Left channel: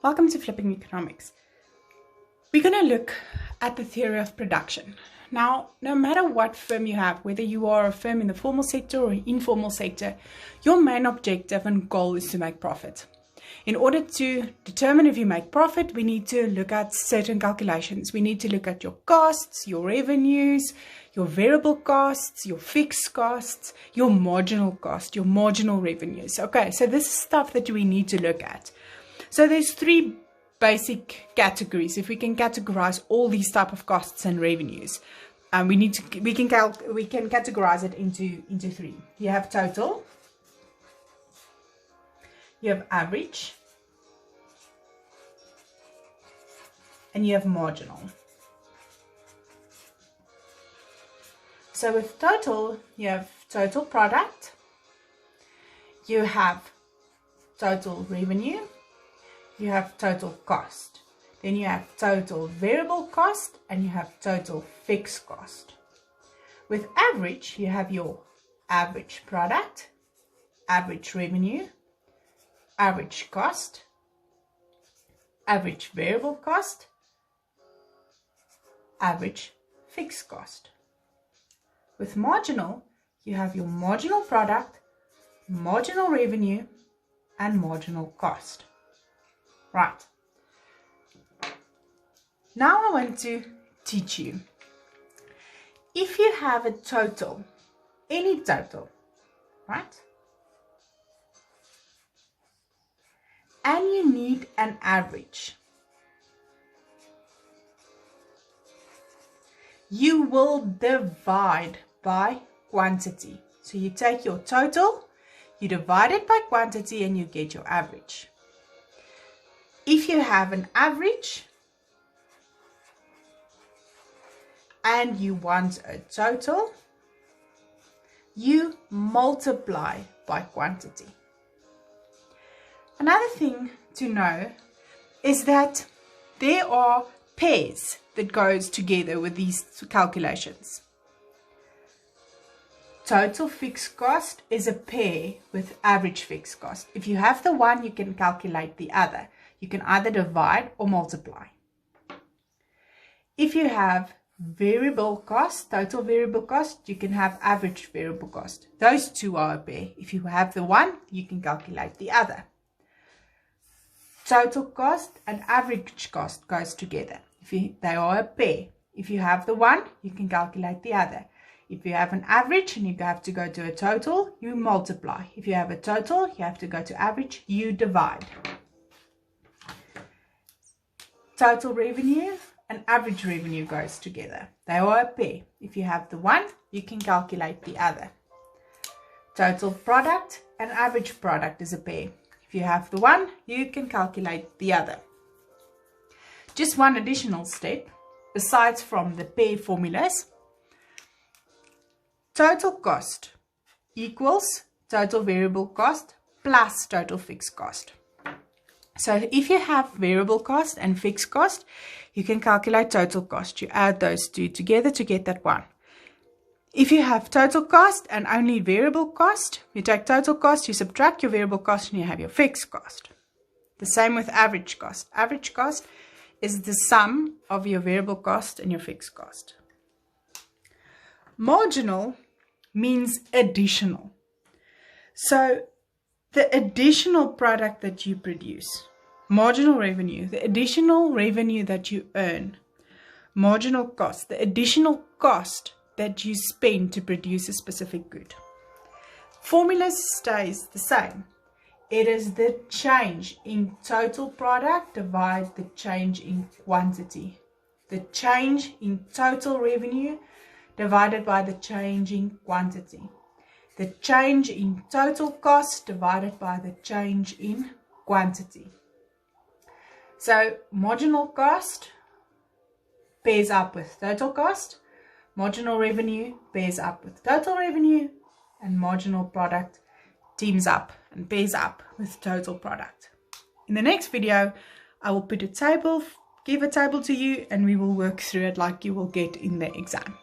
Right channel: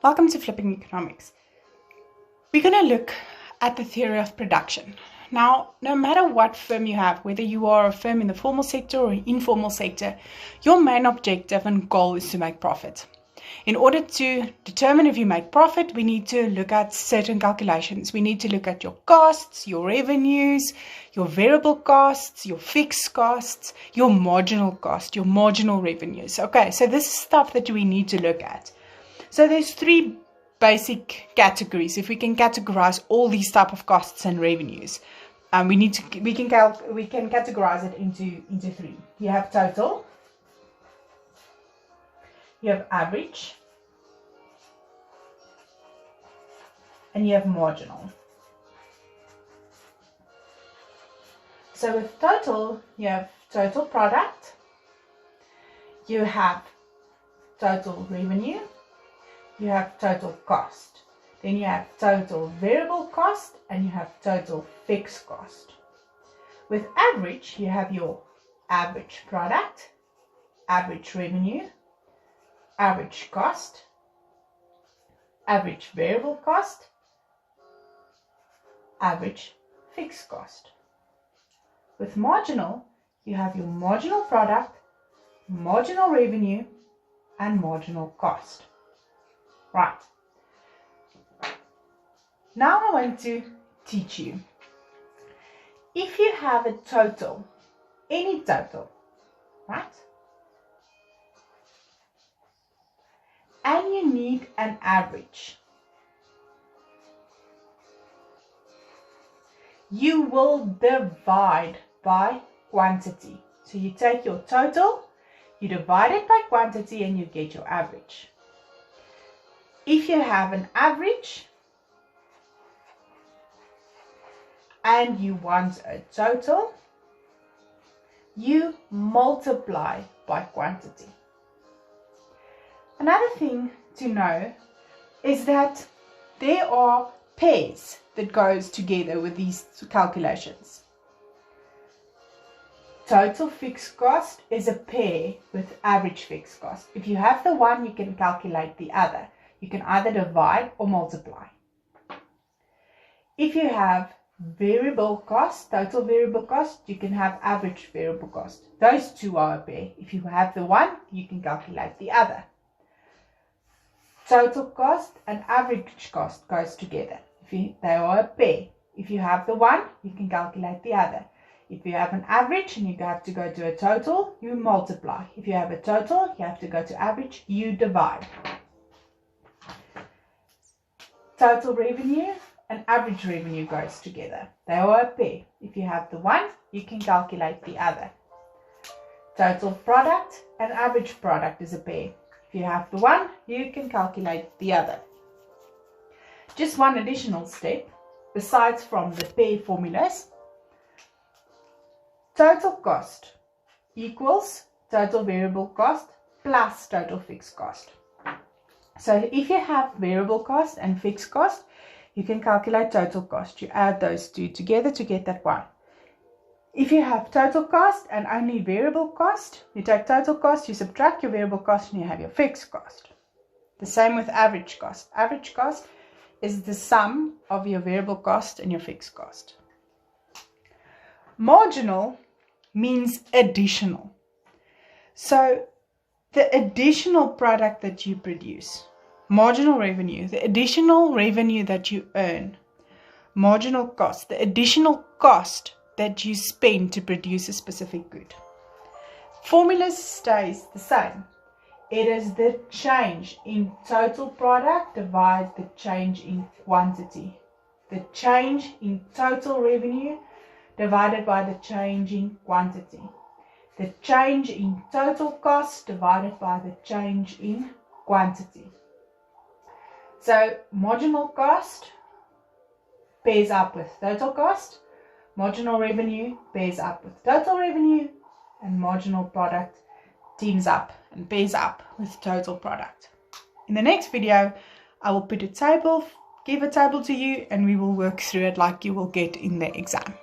Welcome to Flipping Economics. We're going to look at the theory of production. Now, no matter what firm you have, whether you are a firm in the formal sector or informal sector, your main objective and goal is to make profit. In order to determine if you make profit, we need to look at certain calculations. We need to look at your costs, your revenues, your variable costs, your fixed costs, your marginal cost, your marginal revenues. Okay, so this is stuff that we need to look at. So there's three basic categories. If we can categorize all these type of costs and revenues, we can categorize it into three. You have total, you have average, and you have marginal. So with total, you have total product, you have total revenue, you have total cost. Then you have total variable cost and you have total fixed cost. With average, you have your average product, average revenue, average cost, average variable cost, average fixed cost. With marginal, you have your marginal product, marginal revenue, and marginal cost. Right. Now I want to teach you. If you have a total, any total, right? And you need an average, you will divide by quantity. So you take your total, you divide it by quantity, and you get your average. If you have an average and you want a total, you multiply by quantity. Another thing to know is that there are pairs that goes together with these calculations. Total fixed cost is a pair with average fixed cost. If you have the one, you can calculate the other. You can either divide or multiply. If you have variable cost, total variable cost, you can have average variable cost. Those two are a pair. If you have the one, you can calculate the other. Total cost and average cost goes together. They are a pair. If you have the one, you can calculate the other. If you have an average and you have to go to a total, you multiply. If you have a total, you have to go to average, you divide. Total revenue and average revenue goes together. They are a pair. If you have the one, you can calculate the other. Total product and average product is a pair. If you have the one, you can calculate the other. Just one additional step, besides from the pair formulas. Total cost equals total variable cost plus total fixed cost. So if you have variable cost and fixed cost, you can calculate total cost. You add those two together to get that one. If you have total cost and only variable cost, you take total cost, you subtract your variable cost, and you have your fixed cost. The same with average cost. Average cost is the sum of your variable cost and your fixed cost. Marginal means additional. So the additional product that you produce, marginal revenue, the additional revenue that you earn, marginal cost, the additional cost that you spend to produce a specific good. Formula stays the same. It is the change in total product divided the change in quantity. The change in total revenue divided by the change in quantity. The change in total cost divided by the change in quantity. So marginal cost pairs up with total cost, marginal revenue pairs up with total revenue, and marginal product teams up and pairs up with total product. In the next video, I will put a table, give a table to you, and we will work through it like you will get in the exam.